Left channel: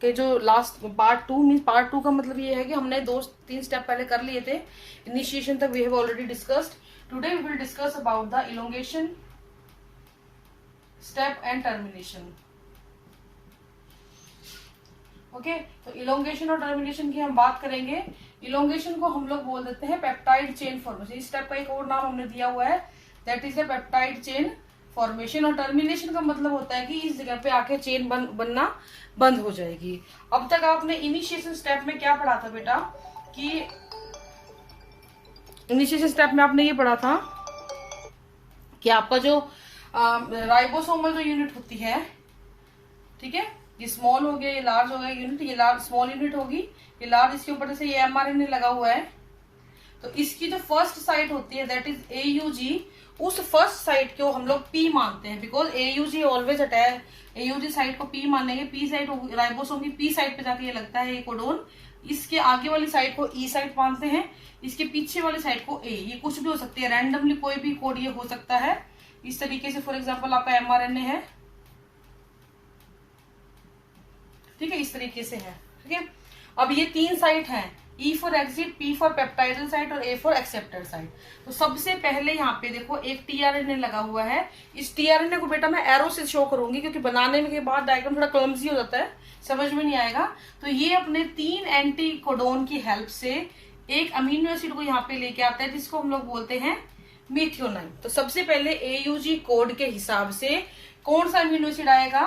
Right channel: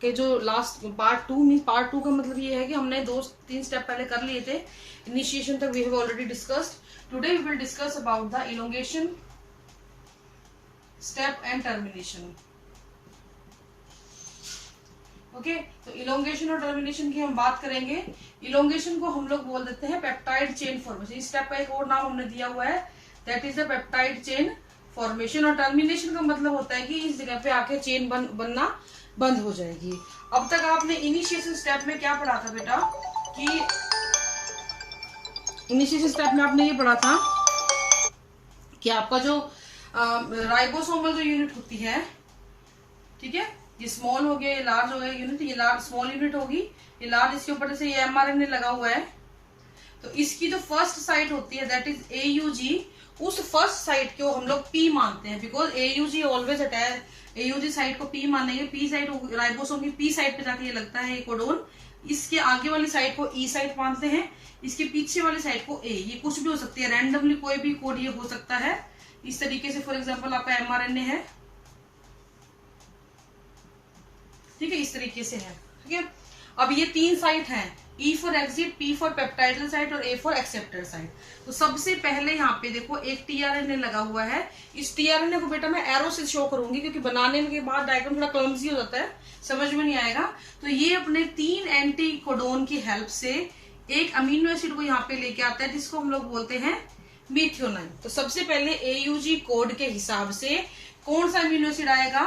के जो last part 2 mean part 2 का मतलब ये है कि हमने 2-3 स्टेप पहले कर लिए थे। इनिशिएशन तक we have already discussed. Today we will discuss about the elongation step and termination. Okay, तो इलोंगेशन और टर्मिनेशन की हम बात करेंगे। इलोंगेशन को हम लोग बोल देते हैं पेप्टाइड चेन फॉर्मेशन। इस स्टेप का एक और नाम हमने दिया हुआ है, that is the peptide chain formation. और टर्मिनेशन का मतलब होता है कि इस जगह पे आके चेन बनना बंद हो जाएगी। अब तक आपने इनिशिएशन स्टेप में क्या पढ़ा था बेटा, कि इनिशिएशन स्टेप में आपने ये पढ़ा था कि आपका जो राइबोसोमल जो यूनिट होती है, ठीक है, ये स्मॉल हो गया, ये लार्ज हो गया यूनिट, ये लार्ज स्मॉल यूनिट होगी, ये लार्ज, इसके ऊपर से ये एमआरएनए लगा हुआ है। तो इसकी जो फर्स्ट साइट होती है दैट इज एयूजी, उस फर्स्ट साइट को हम लोग पी मानते हैं, because AUG always attach, AUG site को पी मानेंगे। पी साइट राइबोसोम की पी साइट पे जाके ये लगता है ये कोडोन। इसके आगे वाली साइट को ई साइट मानते हैं, इसके पीछे वाली साइट को ए। ये कुछ भी हो सकती है, रैंडमली कोई भी कोड ये हो सकता है इस तरीके से। फॉर एग्जाम्पल आपका एमआरएनए है, ठीक है, इस तरीके से है, ठीक है। अब ये 3 साइट हैं, E for exit, P for peptidyl site और ए फॉर एक्सेप्टर साइट। तो सबसे पहले यहाँ पे देखो एक टीआरएनए लगा हुआ है। इस टीआरएनए को बेटा मैं एरो से शो करूंगी, क्योंकि बनाने के बाद डायग्राम थोड़ा क्लमजी हो जाता है, समझ में नहीं आएगा। तो ये अपने 3 एंटी कोडोन की हेल्प से एक अमीनो एसिड को यहाँ पे लेके आता है, जिसको हम लोग बोलते हैं मिथियोनाइन। तो सबसे पहले एयूजी कोड के हिसाब से कौन सा अमीनो एसिड आएगा,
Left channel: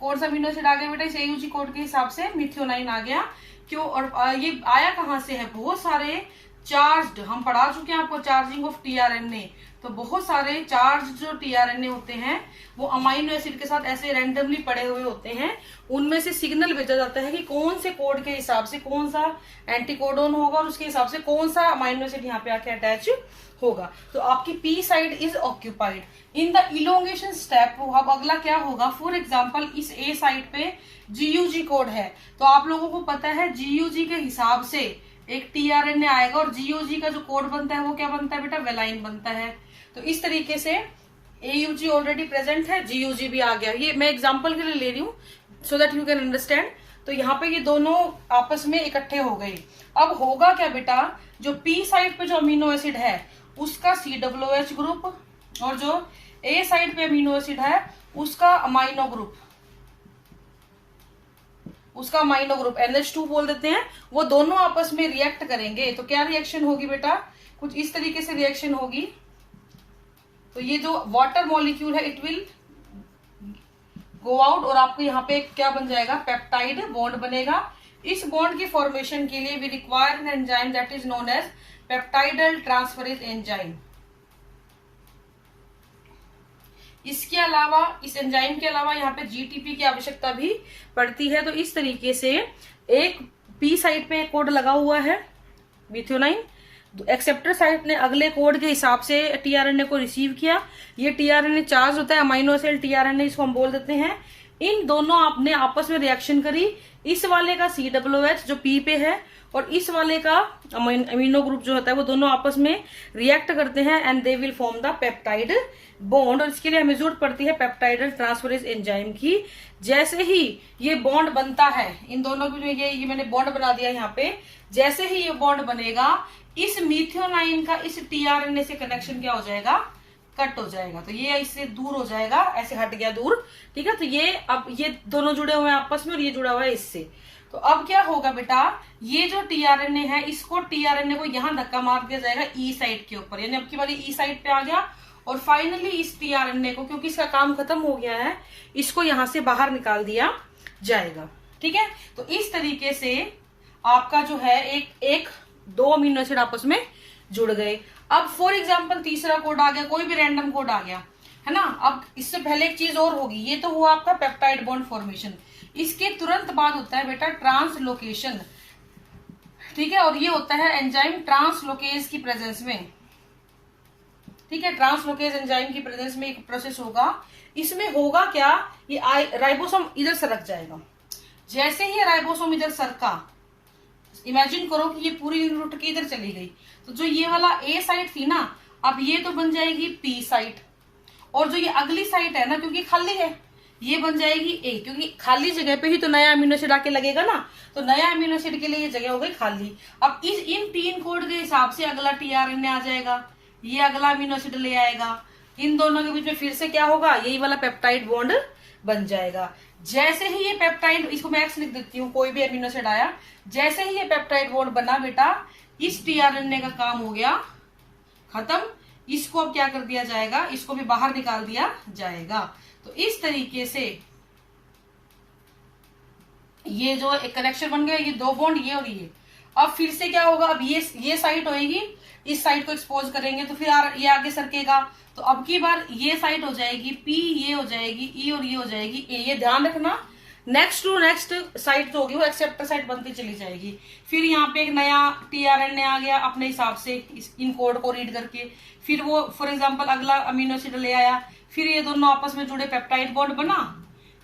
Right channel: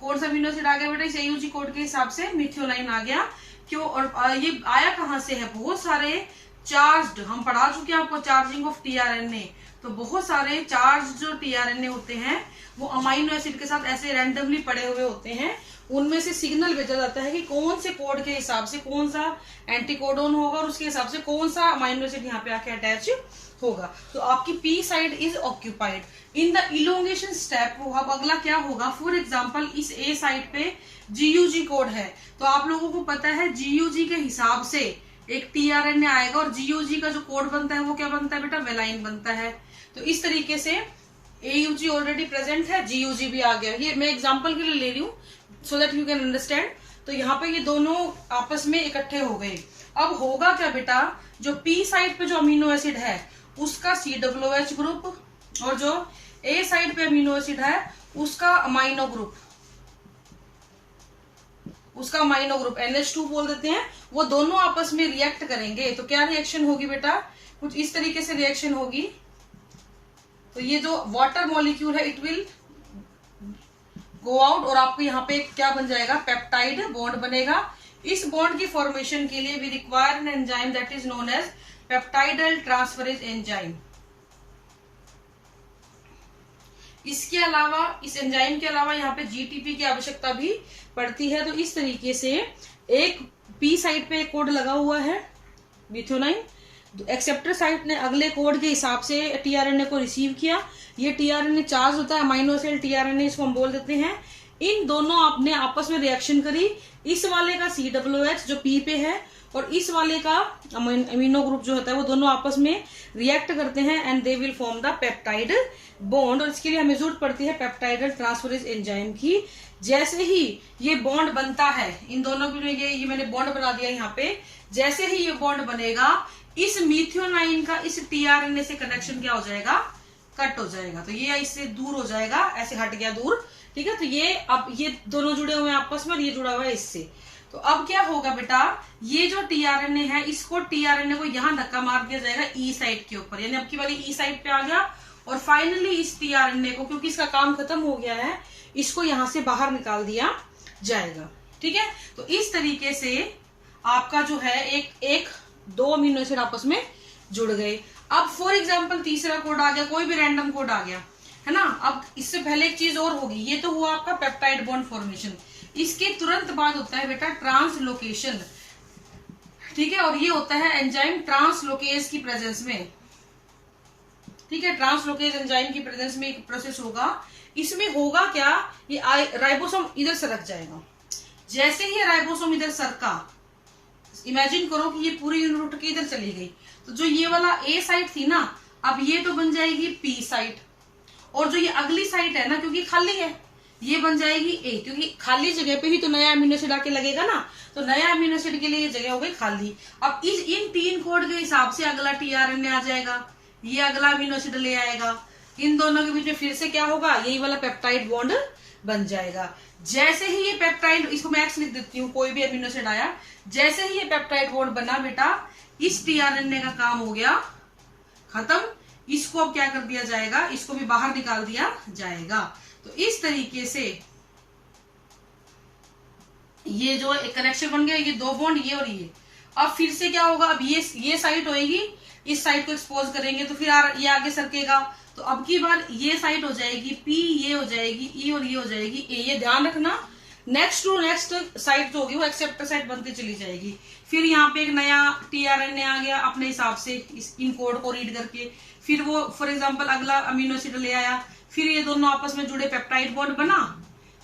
कौन सा अमीनो एसिड आ गया बेटा इस एयूजी कोड के हिसाब से, मिथियोनाइन आ गया। क्यों, और ये आया कहां से है, बहुत सारे चार्ज्ड, हम पढ़ा चुके हैं आपको चार्जिंग ऑफ टीआरएनए। तो बहुत सारे चार्ज जो टीआरएनए होते हैं वो अमाइनो एसिड के साथ ऐसे रैंडमली पड़े हुए होते हैं, उनमें से सिग्नल भेजा जाता है कि कौन से कोड के हिसाब से कौन सा एंटीकोडोन होगा और उसके हिसाब से कौन सा अमाइनो एसिड यहाँ पे आके अटैच होगा। तो आपकी P side is occupied in the elongation step. अब अगला क्या होगा, फॉर एग्जाम्पल इस ए साइड पे जीयूजी कोड है, तो आप लोगों को पता है जीयूजी के हिसाब से एक टीआरएनए आएगा, और जीयूजी का जो कोड बनता है वो क्या बनता है बेटा, वेलाइन बनता है। तो इस तरीके से एयूजी ऑलरेडी प्रेजेंट है, जीयूजी भी आ गया। ये मैं एग्जांपल के लिए ले रही हूँ so that you can understand. तो यहाँ पे ये दोनों आपस में इकट्ठे हो गए। अब होगा क्या बेटा, जो पी साइड पे जो अमीनो एसिड है उसका COOH ग्रुप, और जो ए साइड पे अमीनो एसिड है उसका अमाइनो ग्रुप, उसका अमाइनो ग्रुप NH2 बोल देते हैं, वो दोनों आपस में रिएक्ट करेंगे। तो क्या रिएक्शन होगी बेटा, कुछ इस तरीके से रिएक्शन होगी। तो ये जो वाटर मॉलिक्यूल है इट विल गो आउट, और आपको यहाँ पे क्या बन जाएगा, पेप्टाइड बॉन्ड बनेगा। इस बॉन्ड की फॉर्मेशन के लिए we require an enzyme that is known as peptidyl transferase enzyme. इसके अलावा, इस एंजाइम के अलावा यहाँ पे जीटीपी की आवश्यकता भी पड़ती है। तो इस तरीके से एक पी साइड पे एक कोड लगा हुआ है मिथियोनाइन, एक्सेप्टर साइट ने अगले कोड के हिसाब से टीआरएनए को रिसीव किया। ये टीआरएनए चार्ज होता है, अमाइनो एसिड टीआरएनए इसको हम बोल देते हैं। इन दोनों आपने आपस में रिएक्शन करी, इस वाले का COOH जो पी पे है और इस वाले का अमीनो ग्रुप जो होता है वो दोनों आपस में रिएक्ट करते हैं and they will form the peptide bond. और इसके लिए हमें जरूरत पड़ती है पेप्टाइडल ट्रांसफरेज एंजाइम की। जैसे ही ये बॉन्ड बनता है, इन दोनों के लिए ये मैंने बॉन्ड बना दिया यहाँ पे, जैसे ही ये बॉन्ड बनेगा इस मिथियोनाइन का इस टीआरएनए से कनेक्शन क्या हो जाएगा, कट हो जाएगा। तो ये इससे दूर हो जाएगा, ऐसे हट गया दूर, ठीक है। तो ये अब ये दोनों जुड़े हुए हैं आपस में और ये जुड़ा हुआ है इससे। तो अब क्या होगा बेटा, ये जो टीआरएनए है इसको टीआरएनए को यहाँ धक्का मार दिया जाएगा ई साइड के ऊपर, यानी अब की बारी ई साइड पे आ गया। और फाइनली इस टीआरएनए को, क्योंकि इसका काम खत्म हो गया है, इसको यहाँ से बाहर निकाल दिया जाएगा, ठीक है। तो इस तरीके से आपका जो है एक 2 अमीनो एसिड आपस में जुड़ गए। अब फॉर एग्जाम्पल तीसरा कोड आ गया, कोई भी रैंडम कोड आ गया, है ना। अब इससे पहले एक चीज और होगी, ये तो हुआ आपका पेप्टाइड बॉन्ड फॉर्मेशन। इसके तुरंत बाद होता है बेटा ट्रांसलोकेशन, ठीक है। और ये होता है एंजाइम ट्रांसलोकेज की प्रेजेंस में, ठीक है। ट्रांसलोकेज एंजाइम की प्रेजेंस में एक प्रोसेस होगा। इसमें होगा क्या, ये राइबोसोम इधर सरक जाएगा। जैसे ही राइबोसोम इधर सरका, इमेजिन करो कि ये पूरी यूनिट उठ के इधर चली गई, तो जो ये वाला ए साइट थी ना, अब ये तो बन जाएगी पी साइट, और जो ये अगली साइट है ना, क्योंकि खाली है, ये बन जाएगी ए, क्योंकि खाली जगह पे ही तो नया अमीनो एसिड आके लगेगा ना, तो नया अमीनो एसिड के लिए ये जगह हो गई खाली। अब इन 3 कोड के हिसाब से अगला टीआरएनए आ जाएगा, ये अगला अमीनो एसिड ले आएगा, इन दोनों के बीच में फिर से क्या होगा, यही वाला पेप्टाइड बॉन्ड बन जाएगा। जैसे ही ये पेप्टाइड, इसको मैं एक्स लिख देती हूँ, कोई भी अमीनो एसिड आया, जैसे ही ये पेप्टाइड बॉन्ड बना बेटा, इस टीआरएनए का काम हो गया खत्म। इसको अब क्या कर दिया जाएगा, इसको भी बाहर निकाल दिया जाएगा। तो इस तरीके से ये जो एक कनेक्शन बन गया, ये 2 बॉन्ड, ये और ये। अब फिर से क्या होगा, अब ये साइड होएगी, इस साइड को एक्सपोज करेंगे तो फिर ये आगे सरकेगा, तो अब की बार ये साइड हो जाएगी पी, ये हो जाएगी ई और ये हो जाएगी ए। ये ध्यान रखना, नेक्स्ट टू नेक्स्ट साइड जो होगी वो एक्सेप्टर साइड बनती चली जाएगी। फिर यहाँ पे एक नया टीआरएनए आ गया अपने हिसाब से इन कोड को रीड करके, फिर वो फॉर एग्जांपल अगला अमीनो एसिड ले आया, फिर ये दोनों आपस में जुड़े पेप्टाइड बॉन्ड बना,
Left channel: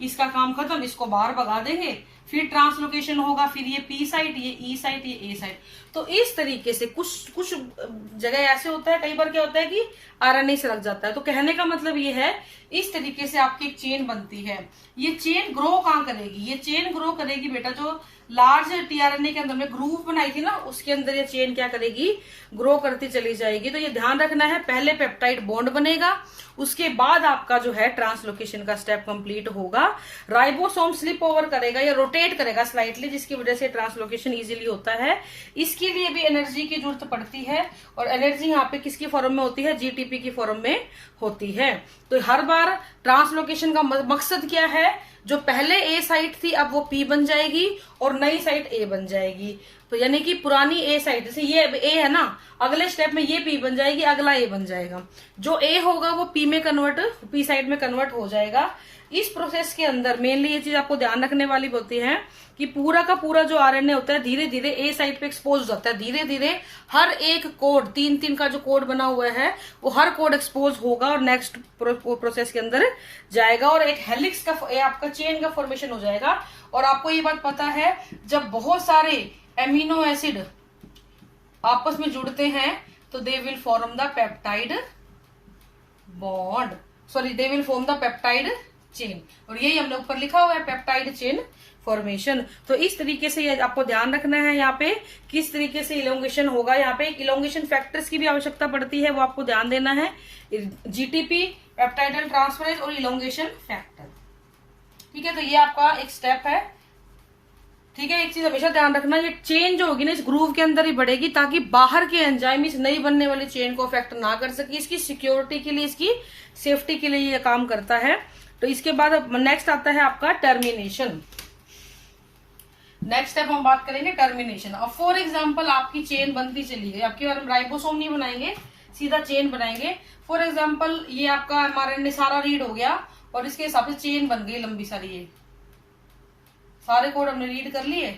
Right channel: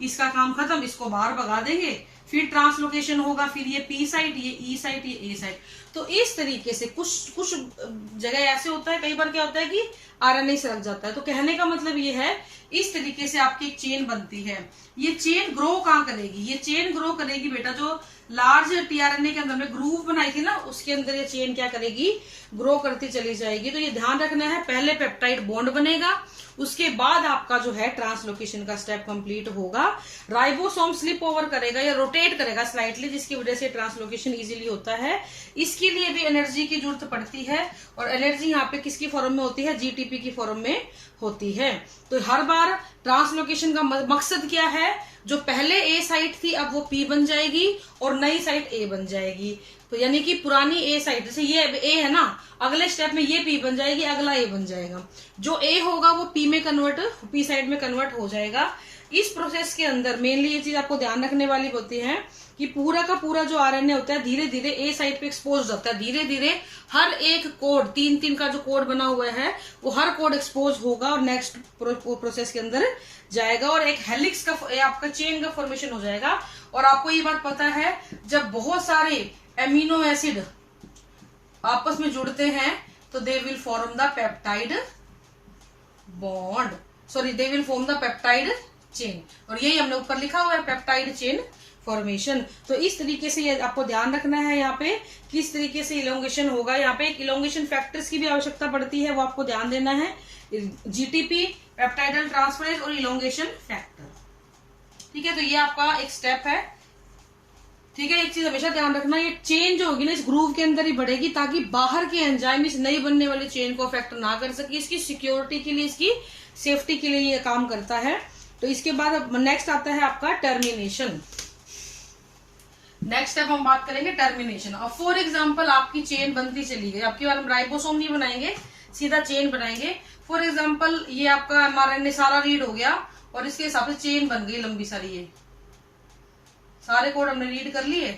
इसका काम खत्म, इसको बाहर भगा देंगे, फिर ट्रांसलोकेशन होगा, फिर ये पी साइट, ये ई साइट, ये ए साइट। तो इस तरीके से कुछ जगह ऐसे होता है, कई बार क्या होता है कि आरएनए से लग जाता है। तो कहने का मतलब ये है, इस तरीके से आपकी एक चेन बनती है। ये चेन ग्रो कहाँ करेगी, ये चेन ग्रो करेगी बेटा जो लार्ज टीआरएनए के अंदर में ग्रूव बनाई थी ना, उसके अंदर ये चेन क्या करेगी, ग्रो करती चली जाएगी। तो ये ध्यान रखना है, पहले पेप्टाइड बॉन्ड बनेगा, उसके बाद आपका जो है ट्रांसलोकेशन का स्टेप कंप्लीट होगा। राइबोसोम स्लिप ओवर करेगा या रोटेट करेगा स्लाइटली, जिसकी वजह से ट्रांसलोकेशन इजीली होता है। इसके लिए भी एनर्जी की जरूरत पड़ती है, और एनर्जी यहाँ पे किसकी फॉर्म में होती है, जीटीपी की फॉर्म में होती है। तो हर बार ट्रांसलोकेशन का मकसद क्या है, जो पहले ए साइट थी अब वो पी बन जाएगी और नई साइट ए बन जाएगी। तो यानी कि पुरानी ए साइट, जैसे ये ए है ना, अगले स्टेप में ये पी बन जाएगी, अगला ए बन जाएगा, जो ए होगा वो पी में कन्वर्ट, पी साइड में कन्वर्ट हो जाएगा। इस प्रोसेस के अंदर मेनली ये चीज आपको ध्यान रखने वाली होती है कि पूरा का पूरा जो आरएनए होता है धीरे धीरे ए साइड पे एक्सपोज हो जाता है, धीरे धीरे हर एक कोड, 3 का जो कोड बना हुआ है वो हर कोड एक्सपोज होगा और नेक्स्ट प्रोसेस के अंदर जाएगा, और एक हेलिक्स का आपका चेन का फॉर्मेशन हो जाएगा। और आपको ये बात पता है, जब बहुत सारे एमिनो एसिड आपस में जुड़ते हैं तो they will form the peptide bond, sorry they will form the peptide chain, और यही हमने ऊपर लिखा हुआ है पेप्टाइड चेन फॉर्मेशन। तो इस तरीके से आपको ध्यान रखना है यहाँ पे किस तरीके से इलोंगेशन होगा। यहाँ पे एक इलोंगेशन फैक्टर्स की भी आवश्यकता पड़ती है, वो आपको ध्यान देना है, जीटीपी, पेप्टाइडल ट्रांसफरेज और इलोंगेशन फैक्टर। ठीक है, तो ये आपका एक स्टेप है। ठीक है, एक चीज हमेशा ध्यान रखना, ये चेन जो होगी ना इस ग्रूव के अंदर ही बढ़ेगी, ताकि बाहर के एंजाइम इस नई बनने वाली चेन को अफेक्ट ना कर सके। इसकी सिक्योरिटी के लिए, इसकी सेफ्टी के लिए ये काम करता है। तो इसके बाद नेक्स्ट आता है आपका टर्मिनेशन। नेक्स्ट स्टेप हम बात करेंगे टर्मिनेशन। अब फॉर एग्जाम्पल आपकी चेन बनती चली गई, आपकी बार हम राइबोसोम नहीं बनाएंगे, सीधा चेन बनाएंगे। फॉर एग्जाम्पल ये आपका एमआरएनए सारा रीड हो गया और इसके हिसाब से चेन बन गई लंबी सारी, ये सारे कोड हमने रीड कर लिए।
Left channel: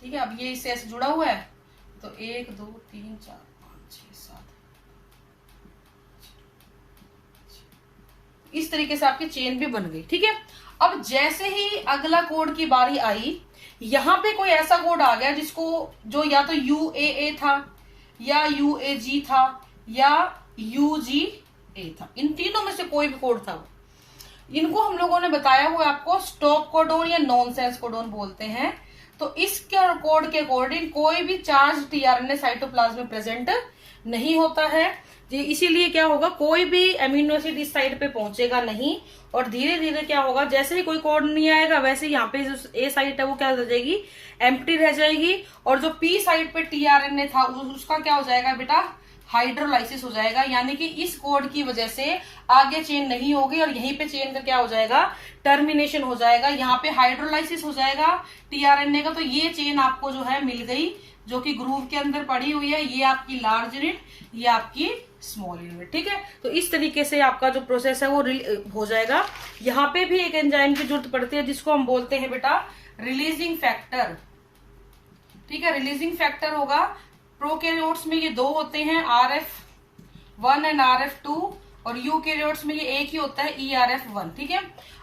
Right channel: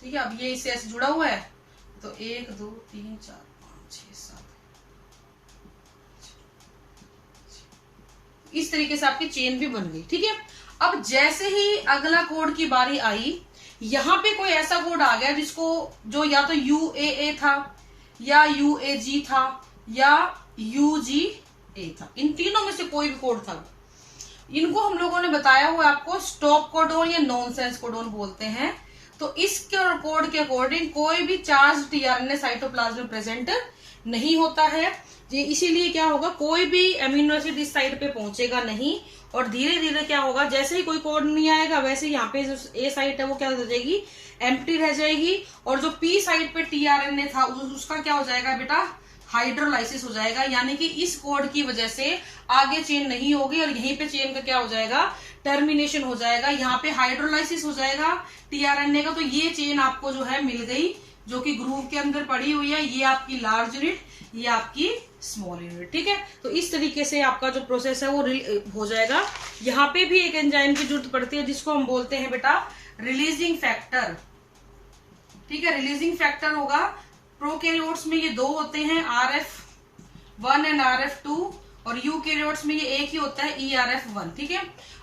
ठीक है, अब ये इससे ऐसे जुड़ा हुआ है, तो 1 2 3 4 5 6 7 इस तरीके से आपकी चेन भी बन गई। ठीक है, अब जैसे ही अगला कोड की बारी आई, यहां पे कोई ऐसा कोड आ गया जिसको, जो या तो UAA था या UAG था या UGA था, इन तीनों में से कोई भी कोड था। इनको हम लोगों ने बताया हुआ आपको स्टॉप कोडोन या नॉनसेंस कोडोन बोलते हैं। तो इस कोड के अकॉर्डिंग कोई भी चार्ज टीआरएनए साइटोप्लाज्म में प्रेजेंट नहीं होता है जी। इसीलिए क्या होगा, कोई भी एमिनो एसिड इस साइड पे पहुंचेगा नहीं, और धीरे धीरे क्या होगा, जैसे ही कोई कोड नहीं आएगा वैसे यहाँ पे जो ए साइट है वो क्या हो जाएगी, एम्प्टी रह जाएगी, और जो पी साइड पे टीआरएनए था उसका क्या हो जाएगा बेटा, हाइड्रोलाइसिस हो जाएगा। यानी कि इस कोड की वजह से आगे चेन नहीं होगी और यहीं पे चेन का क्या हो जाएगा, टर्मिनेशन हो जाएगा। यहाँ पे हाइड्रोलाइसिस हो जाएगा टीआरएनए का, तो ये चेन आपको जो है मिल गई, जो कि ग्रूव के अंदर पड़ी हुई है। ये आपकी लार्ज यूनिट, ये आपकी स्मॉल यूनिट। ठीक है, तो इस तरीके से आपका जो प्रोसेस है वो हो जाएगा। यहाँ पे भी एक एंजाइम की जरूरत पड़ती है जिसको हम बोलते हैं बेटा रिलीजिंग फैक्टर। ठीक है, रिलीजिंग फैक्टर होगा, प्रोकैरियोट्स में ये 2 होते हैं, RF1 एंड RF2, और यूकैरियोट्स में ये एक ही होता है ERF1, ठीक है।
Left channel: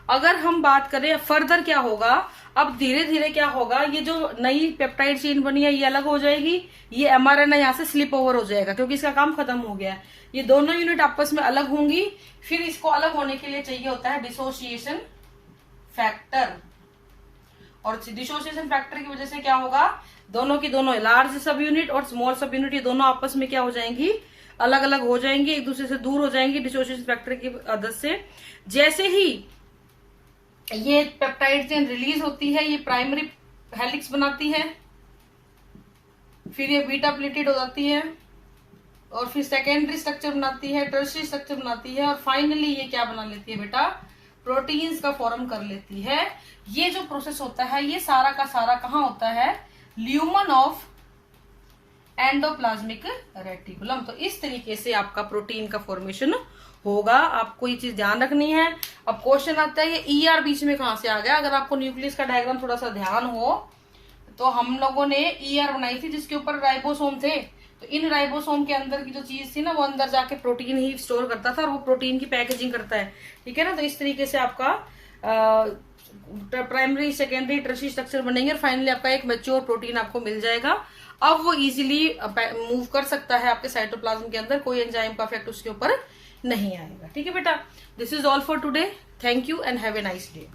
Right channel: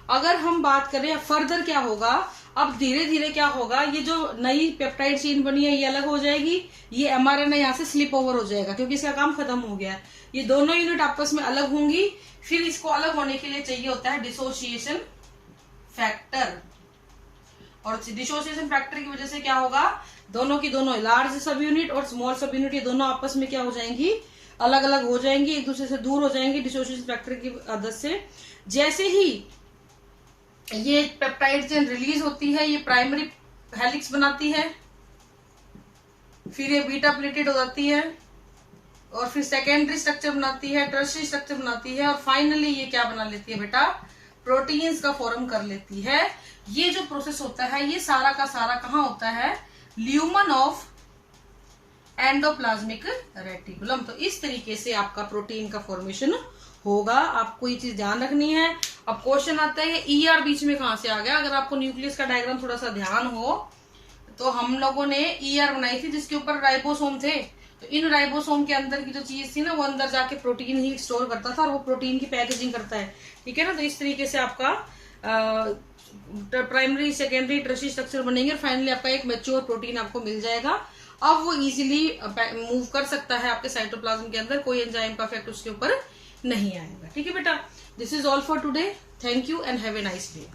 अगर हम बात करें फर्दर क्या होगा, अब धीरे धीरे क्या होगा, ये जो नई पेप्टाइड चेन बनी है ये अलग हो जाएगी, ये mRNA यहाँ से स्लिप ओवर हो जाएगा क्योंकि इसका काम खत्म हो गया है। ये दोनों यूनिट आपस में अलग होंगी, फिर इसको अलग होने के लिए चाहिए होता है डिसोसिएशन फैक्टर, और डिसोसिएशन फैक्टर की वजह से क्या होगा, दोनों की दोनों लार्ज सब यूनिट और स्मॉल सब यूनिट ये दोनों आपस में क्या हो जाएंगी, अलग अलग हो जाएंगी, एक दूसरे से दूर हो जाएंगी डिसोसिएशन फैक्टर की मदद से। जैसे ही ये पेप्टाइड चेन रिलीज होती है, ये प्राइमरी हेलिक्स बनाती है, फिर ये बीटा प्लेटेड हो जाती है, और फिर सेकेंडरी स्ट्रक्चर बनाती है, टर्शियरी स्ट्रक्चर बनाती है, और फाइनली ये क्या बना लेती है बेटा, प्रोटीन्स का फॉर्म कर लेती है। ये जो प्रोसेस होता है ये सारा का सारा कहाँ होता है, ल्यूमन ऑफ एंडोप्लाज्मिक रेटिकुलम। तो इस तरीके से आपका प्रोटीन का फॉर्मेशन होगा, आपको ये चीज ध्यान रखनी है। अब क्वेश्चन आता है ये ER बीच में कहां से आ गया। अगर आपको न्यूक्लियस का डायग्राम थोड़ा सा ध्यान हो तो हम लोगों ने ER बनाई थी जिसके ऊपर राइबोसोम थे, तो इन राइबोसोम के अंदर की जो चीज थी ना वो अंदर जाके प्रोटीन ही स्टोर करता था और वो प्रोटीन की पैकेजिंग करता है, ठीक है ना। तो इस तरीके से आपका प्राइमरी सेकेंडरी टर्शियरी स्ट्रक्चर बनेंगे और फाइनली आपका एक मैच्योर प्रोटीन आपको मिल जाएगा। अब वो इजीली मूव कर सकता है आपके साइटोप्लाज्म के अंदर, कोई एंजाइम का इफेक्ट उसके ऊपर नहीं आएगा, ठीक है बेटा। This is all for today, thank you and have a nice day.